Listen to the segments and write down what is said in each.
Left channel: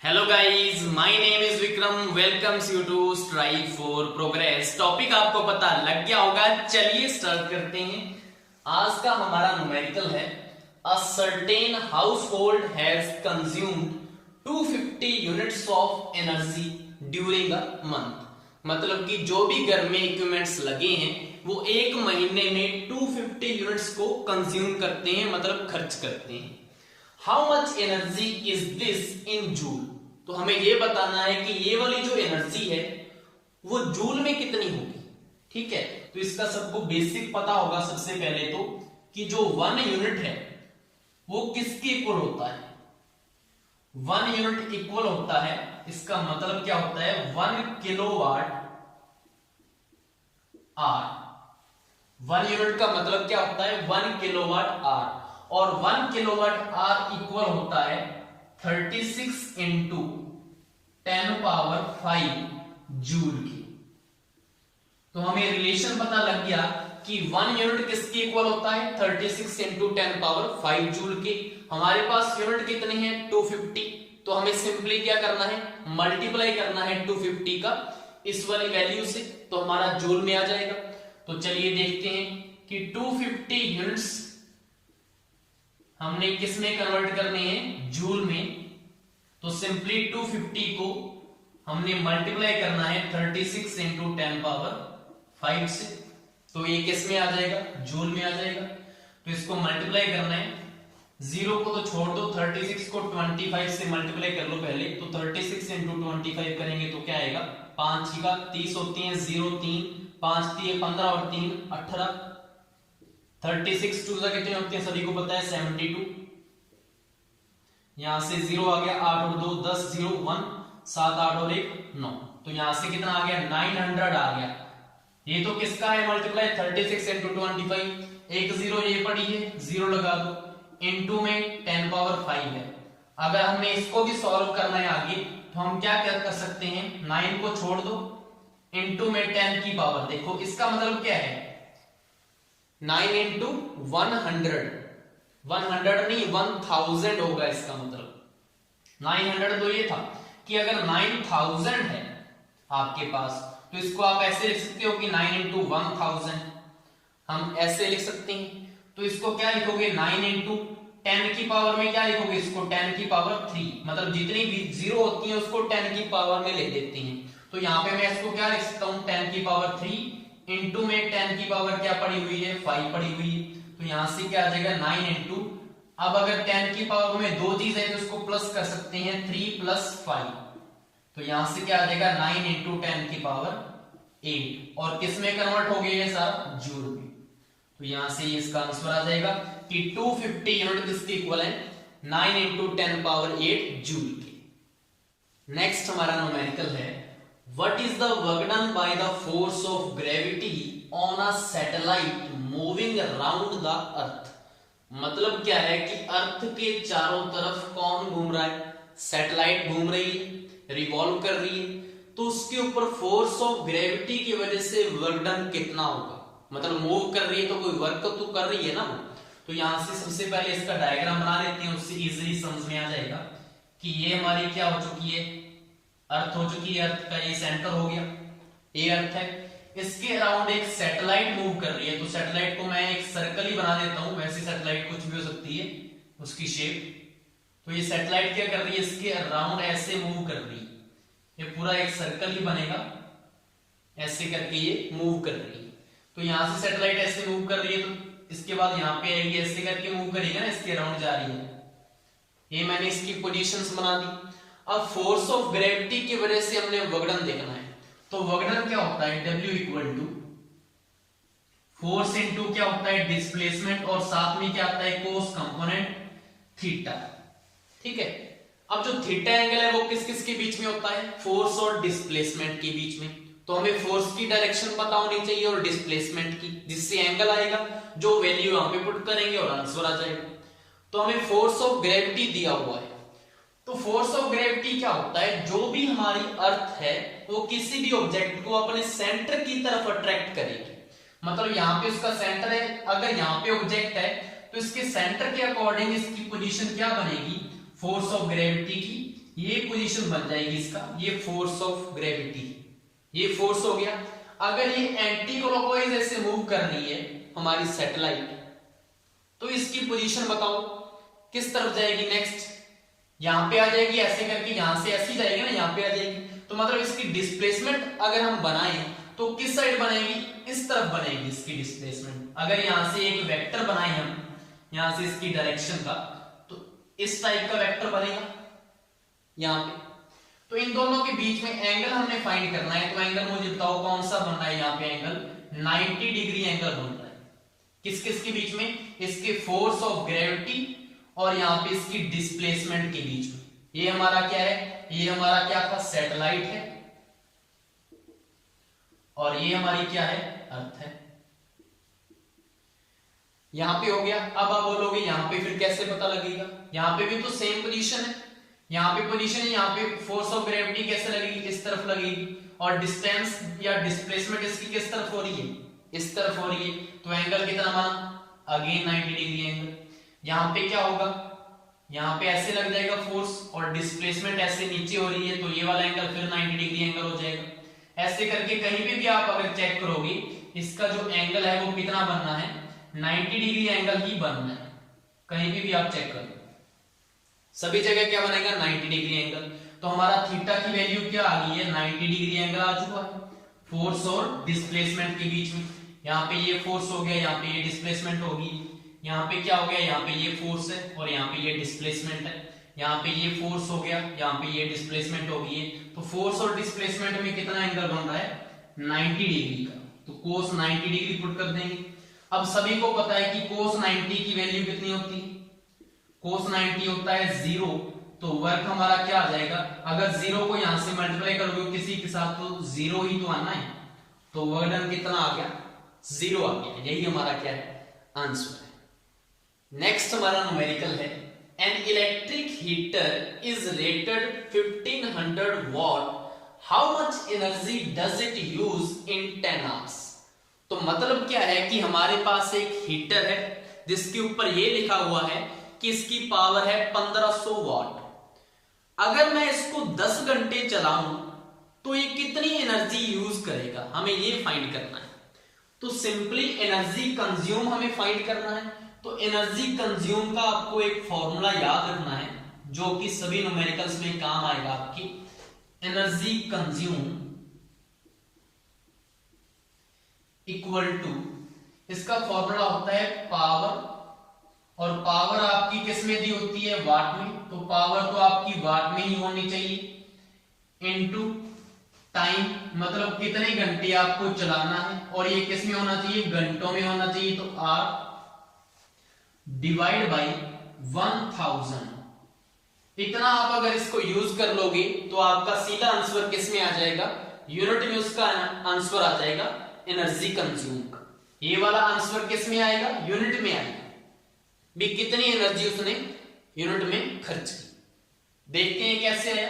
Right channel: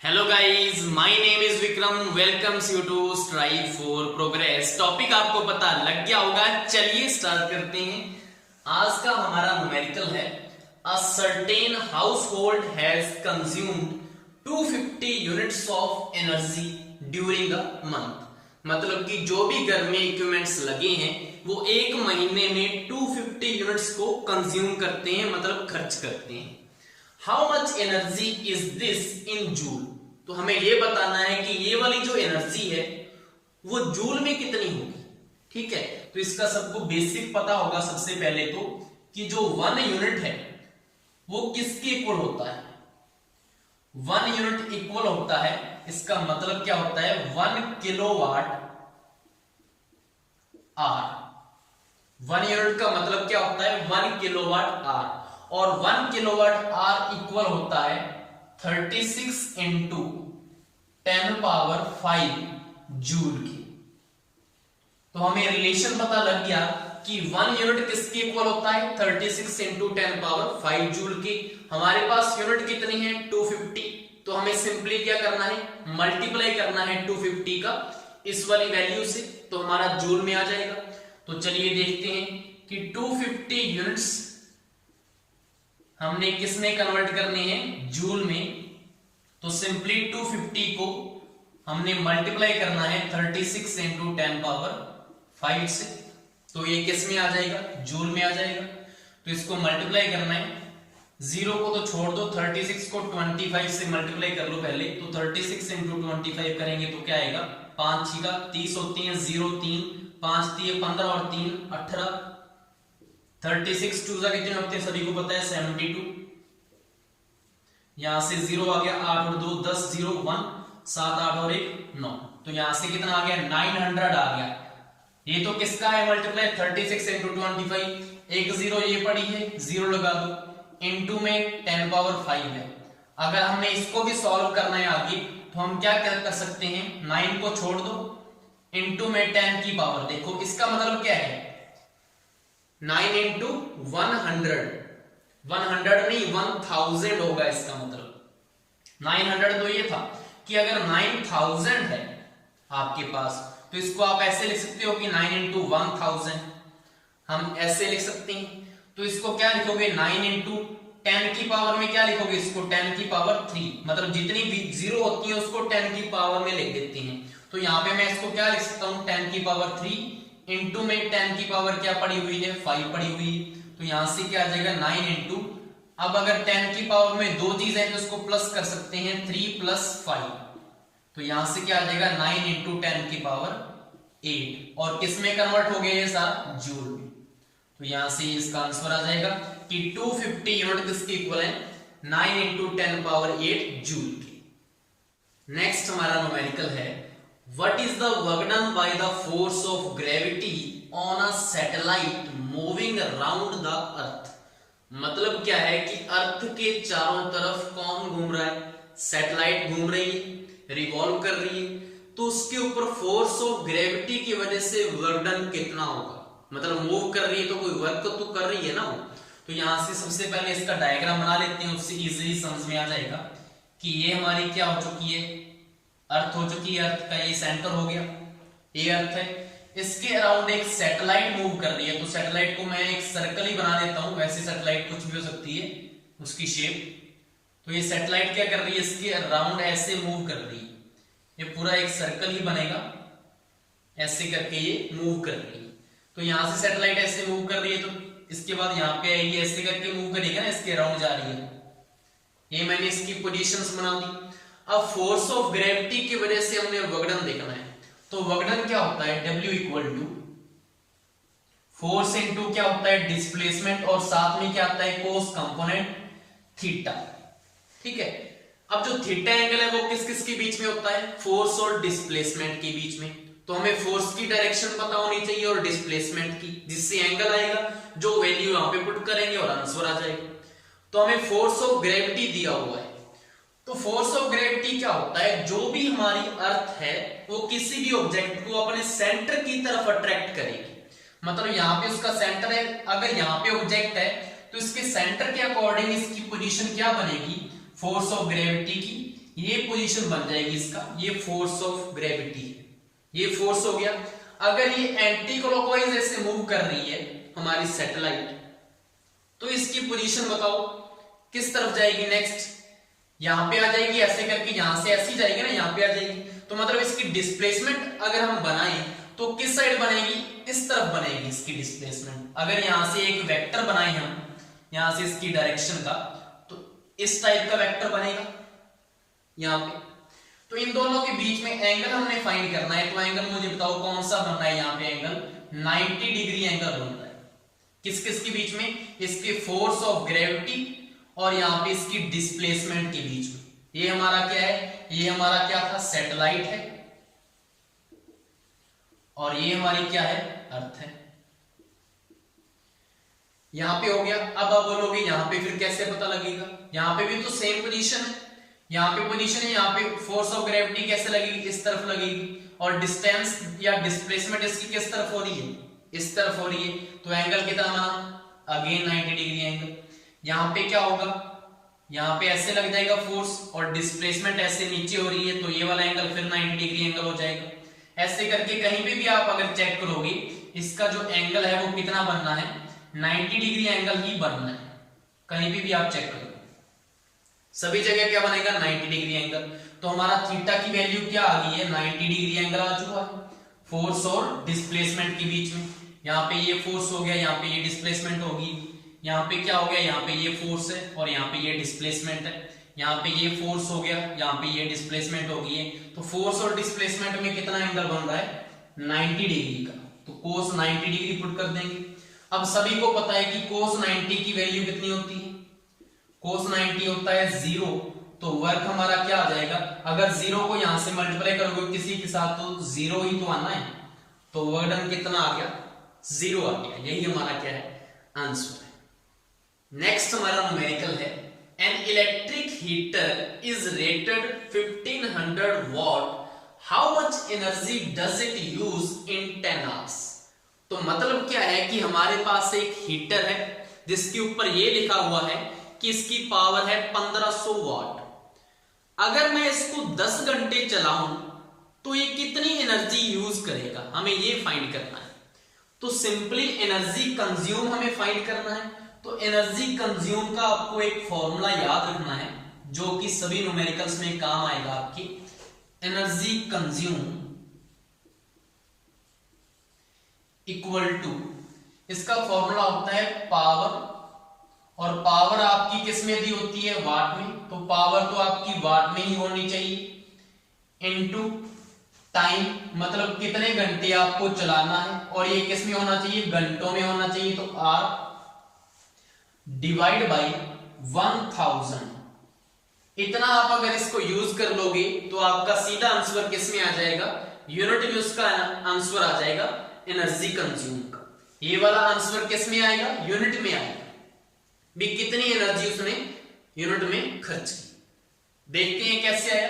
Hello guys, my name is Vikram. Welcomes you to strive for progress. Topic आपको पता लग गया होगा, चलिए स्टार्ट करते हैं। आज का हमारा न्यूमेरिकल है a certain house hold has consumed 250 units of energy during a month. मतलब कि जो भी घर में इक्विपमेंट्स लगे हैं वो एक महीने में 250 यूनिट्स को कंज्यूम करते हैं, मतलब खर्च करते हैं। How much energy is this in joule. तो हमें यह बताना है कि ये वाली जो एनर्जी है वो जूल में कितनी होगी। ठीक है, तो इसका सबको बेसिक पता होगा सबसे पहले तो कि जो 1 यूनिट है वो किसके इक्वल होता है। 1 यूनिट इक्वल होता है, इसका मतलब क्या होता है 1 किलोवाट आर। 1 यूनिट का मतलब क्या होता है 1 किलोवाट आर, और 1 किलोवाट आर इक्वल होता है 36 इंटू 10 पावर 5 जूल की। तो हमें रिलेशन पता लग गया कि 1 यूनिट किसके इक्वल होता है 36 इंटू 10 पावर 5 जूल की। हमारे पास यूनिट कितनी है 250, तो हमें सिंपली क्या करना है मल्टीप्लाई करना है 250 का इस वाली वैल्यू से, तो हमारा जूल में आ जाएगा। तो चलिए देखते हैं कि 250 यूनिट्स हमने किस में कन्वर्ट करने हैं जूल में। तो सिंपली 250 को हमने मल्टीप्लाई करना है 36 इंटू 10 पावर 5 से, तो ये किस में आ जाएगा जूल में आ जाएगा। तो इसको मल्टीप्लाई करना है, 0 को तो छोड़ दो, 36 को 25 से मल्टीप्लाई कर लो पहले। तो 36 इंटू 25 करेंगे तो क्या आएगा 5 का 30 होती है, 0 3 5 3 15 और 3 18। 36 टू सा कितने होते हैं सभी को पता है 72। यहां से 0 आ गया, 8 और 2 10, 0 1 7 8 और 1 9। तो यहां से कितना आ गया 900 आ गया। ये तो किसका है मल्टीप्लाई 36 इंटू 25, एक 0 ये पड़ी है 0 लगा दो, इंटू में 10 पावर 5 है। अगर हमने इसको भी सॉल्व करना है आगे तो हम क्या कर सकते हैं 9 को छोड़ दो, इंटू में 10 की पावर। देखो इसका मतलब क्या है 9 इंटू 100, 100 नहीं 1000 होगा। इसका मतलब 900 तो ये था कि अगर 9000 है आपके पास तो इसको आप ऐसे लिख सकते हो कि 9 इंटू 1000 हम ऐसे लिख सकते हैं। तो इसको क्या लिखोगे 9 इंटू 10 की पावर में क्या लिखोगे इसको 10 की पावर 3, मतलब जितनी भी 0 होती है उसको 10 की पावर में लिख देते हैं। तो यहां पे मैं इसको क्या लिख सकता हूं 10 की पावर 3 इंटू में 10 की पावर क्या पड़ी हुई है 5 पड़ी हुई है। तो यहां से क्या आ जाएगा 9 इंटू, अब अगर 10 की पावर में दो चीज है तो इसको प्लस कर सकते हैं 3 प्लस 5। तो यहां से क्या आ जाएगा 9 इंटू 10 की पावर 8, और किस में कन्वर्ट हो गया ये सारा जूल में। तो यहां से इसका आंसर आ जाएगा कि 250 यूनिट किसके इक्वल है 9 इंटू 10 पावर 8 जूल की। नेक्स्ट हमारा न्यूमेरिकल है What is the work done by the force of gravity on a satellite moving around the earth। मतलब क्या है कि अर्थ के चारों तरफ कौन घूम रहा है सैटेलाइट घूम रही है, रिवॉल्व कर रही है। तो उसके ऊपर फोर्स ऑफ ग्रेविटी की वजह से वर्क डन कितना होगा, मतलब मूव कर रही है तो कोई वर्क तो कर रही है ना वो। तो यहां से सबसे पहले इसका डायग्राम बना लेते हैं, उससे इजीली समझ में आ जाएगा कि ये हमारी क्या हो चुकी है अर्थ हो चुकी है। अर्थ का ये सेंटर हो गया, ये अर्थ है, इसके अराउंड एक सैटेलाइट मूव कर रही है। तो सैटेलाइट को मैं एक सर्कल ही बना देता हूं, वैसे सैटेलाइट कुछ भी हो सकती है उसकी शेप। तो ये सैटेलाइट क्या कर रही है इसके अराउंड ऐसे मूव कर रही है, ये पूरा एक सर्कल ही बनेगा, ऐसे करके ये मूव कर रही है। तो यहां से सैटेलाइट ऐसे मूव कर रही है, तो इसके बाद यहां पे आएगी, ऐसे करके मूव करेगा ना, इसके अराउंड जा रही है। ये मैंने इसकी पोजीशंस बना दी। अब फोर्स ऑफ ग्रेविटी की वजह से हमने वर्कडन देखना है। तो वर्कडन क्या होता है W equal to force into क्या होता है डिस्प्लेसमेंट, और साथ में क्या आता है कोस कंपोनेंट थीटा। ठीक है, अब जो थीटा एंगल है वो किस किस के बीच में होता है फोर्स और डिस्प्लेसमेंट के बीच में। तो हमें फोर्स की डायरेक्शन पता होनी चाहिए और डिस्प्लेसमेंट की, जिससे एंगल आएगा, जो वैल्यू यहां पे पुट करेंगे और आंसर आ जाएगा। तो हमें फोर्स ऑफ ग्रेविटी दिया हुआ है। तो फोर्स ऑफ ग्रेविटी क्या होता है, जो भी हमारी अर्थ है वो किसी भी ऑब्जेक्ट को अपने सेंटर की तरफ अट्रैक्ट करेगी। मतलब यहाँ पे उसका सेंटर है, अगर यहाँ पे ऑब्जेक्ट है तो इसके सेंटर के अकॉर्डिंग इसकी पोजीशन क्या बनेगी फोर्स ऑफ ग्रेविटी की, ये पोजीशन बन जाएगी इसका, ये फोर्स ऑफ ग्रेविटी, ये फोर्स हो गया। अगर ये एंटी क्लॉकवाइज ऐसे मूव कर रही है हमारी सैटेलाइट, तो इसकी पोजीशन बताओ किस तरफ जाएगी नेक्स्ट, यहां पे आ जाएगी ऐसे करके, यहां से ऐसी जाएगी ना, यहां पे आ जाएगी। तो मतलब इसकी डिस्प्लेसमेंट अगर हम बनाएं तो किस साइड बनेगी, इस तरफ बनेगी इसकी डिस्प्लेसमेंट। अगर यहां से एक वेक्टर बनाए हम यहां से इसकी डायरेक्शन का, तो इस टाइप का वेक्टर बनेगा यहां पे। तो इन दोनों के बीच में एंगल हमने फाइंड करना है, तो एंगल मुझे बताओ कौन सा बन रहा है, यहाँ पे एंगल 90 डिग्री एंगल बन रहा है। किस किस के बीच में, इसके फोर्स ऑफ ग्रेविटी और यहाँ पे इसकी डिस्प्लेसमेंट के बीच में। ये हमारा क्या है, ये हमारा क्या था, सैटेलाइट है, और ये हमारी क्या है, अर्थ है। यहां पे हो गया। अब आप बोलोगे यहां पे फिर कैसे पता लगेगा, यहां पे भी तो सेम पोजीशन है, यहां पे पोजीशन है, यहां पे फोर्स ऑफ ग्रेविटी कैसे लगेगी, इस तरफ लगेगी, और डिस्टेंस या डिस्प्लेसमेंट इसकी किस तरफ हो रही है, इस तरफ हो रही है। तो एंगल कितना बना, अगेन 90 डिग्री एंगल। यहां पे क्या होगा, यहां पे ऐसे लग जाएगा फोर्स, और डिस्प्लेसमेंट ऐसे नीचे हो रही है, तो ये वाला एंगल फिर 90 डिग्री एंगल हो जाएगा। ऐसे करके कहीं पे भी आप अगर चेक करोगे इसका जो एंगल है वो कितना बनना है, 90 डिग्री एंगल ही बनना है। कहीं भी आप चेक करो सभी जगह क्या बनेगा, 90 डिग्री एंगल। तो हमारा थीटा की वैल्यू क्या आ गई है, 90 डिग्री एंगल आ चुका है फोर्स और डिस्प्लेसमेंट के बीच में। यहाँ पे ये फोर्स हो गया, यहाँ पे ये डिस्प्लेसमेंट होगी, यहाँ पे क्या हो गया, यहाँ पे ये फोर्स है और यहाँ पे ये डिस्प्लेसमेंट है। यहाँ पे ये फोर्स हो गया, यहाँ पे ये डिस्प्लेसमेंट हो गई है। तो फोर्स और डिस्प्लेसमेंट में कितना एंगल बन रहा है, 90 डिग्री का। तो कोस 90 डिग्री पुट कर देंगे। अब सभी को पता है कि कोस 90 की वैल्यू कितनी होती है, कोस 90 होता है 0। तो वर्क हमारा क्या आ जाएगा, अगर 0 को यहां से मल्टीप्लाई करोगे किसी के साथ तो 0 ही तो आना है, तो वर्क डन कितना आ गया, 0 आ गया। यही हमारा क्या है, आंसर है। नेक्स्ट हमारा न्यूमेरिकल है, an electric heater is rated 1500 what, how much energy does it use in 10 hours. तो मतलब क्या है कि हमारे पास एक हीटर है जिसके ऊपर ये लिखा हुआ है कि इसकी पावर है 1500 वॉट। अगर मैं इसको 10 घंटे चलाऊं तो ये कितनी एनर्जी यूज करेगा, हमें ये फाइंड करना है। तो सिंपली एनर्जी कंज्यूम हमें फाइंड करना है। तो एनर्जी कंज्यूम का आपको एक फॉर्मूला याद रखना है जो कि सभी न्यूमेरिकल्स में काम आएगा आपकी। एनर्जी कंज्यूम इक्वल टू, इसका फॉर्मूला होता है पावर, और पावर आपकी किस में दी होती है, वाट में। तो पावर तो आपकी वाट में ही होनी चाहिए, इनटू टाइम, मतलब कितने घंटे आपको चलाना है, और ये किस में होना चाहिए, घंटों में होना चाहिए। तो आर डिवाइड बाई 1000। इतना आप अगर इसको यूज कर लोगे तो आपका सीधा आंसर किस में आ जाएगा, यूनिट में उसका आंसर आ जाएगा एनर्जी कंज्यूम का। ये वाला आंसर किस में आएगा, यूनिट में आएगा भी, कितनी एनर्जी उसने यूनिट में खर्च की। देखते हैं कैसे आया।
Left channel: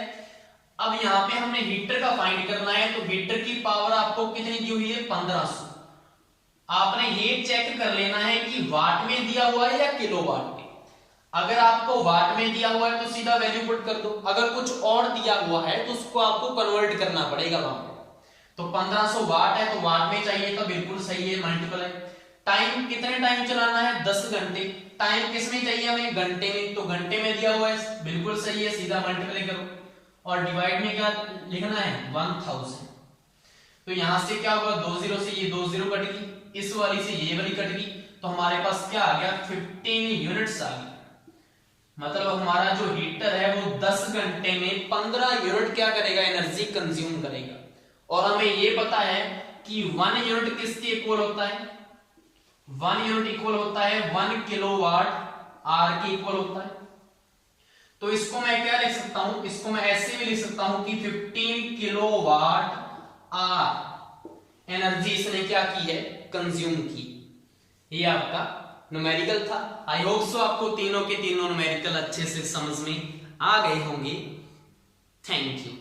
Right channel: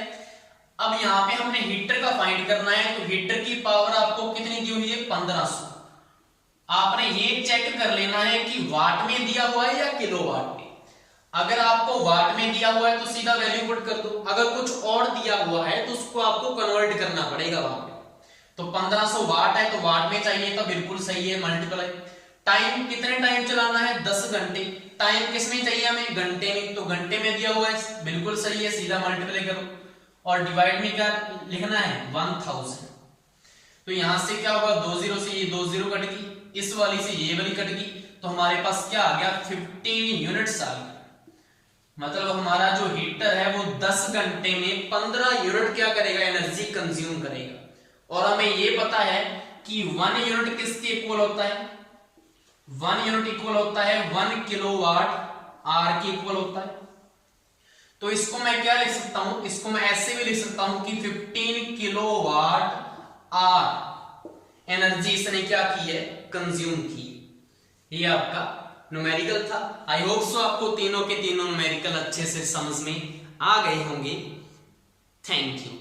अब यहां पे हमने हीटर का फाइंड करना है, तो हीटर की पावर आपको कितनी दी हुई है, 1500। आपने ये चेक कर लेना है कि वाट में दिया हुआ है या किलोवाट में। अगर आपको वाट में दिया हुआ है तो सीधा वैल्यू पुट कर दो, अगर कुछ और दिया हुआ है तो उसको आपको कन्वर्ट करना पड़ेगा वहां पे। तो 1500 वाट है तो वाट में चाहिए तो बिल्कुल सही है, मल्टीप्लाई। टाइम कितने टाइम चलाना है, 10 घंटे। टाइम किस में चाहिए हमें, घंटे में। तो घंटे में दिया हुआ है, बिल्कुल सही है, सीधा मल्टीप्लाई करो। और डिवाइड में क्या लिखना है, 1000। तो यहां से क्या होगा, 20 से ये 20 कट गई, इस वाली से ये वाली कट गई, तो हमारे पास क्या आ गया, 15 यूनिट्स आ गया। मतलब हमारा जो हीटर है वो 10 घंटे में 15 यूनिट क्या करेगा, एनर्जी कंज्यूम करेगा। और हमें ये पता है कि 1 यूनिट किसके इक्वल होता है, 1 यूनिट इक्वल होता है 1 किलोवाट आर के इक्वल होता है। तो इसको मैं क्या लिख सकता हूं, इसको मैं ऐसे भी लिख सकता हूं कि 15 किलोवाट आर एनर्जी इसने क्या की है, कंज्यूम की। ये आपका न्यूमेरिकल था। आई होप सो आपको तीनों के तीनों न्यूमेरिकल अच्छे से समझ में आ गए होंगे। Thank you.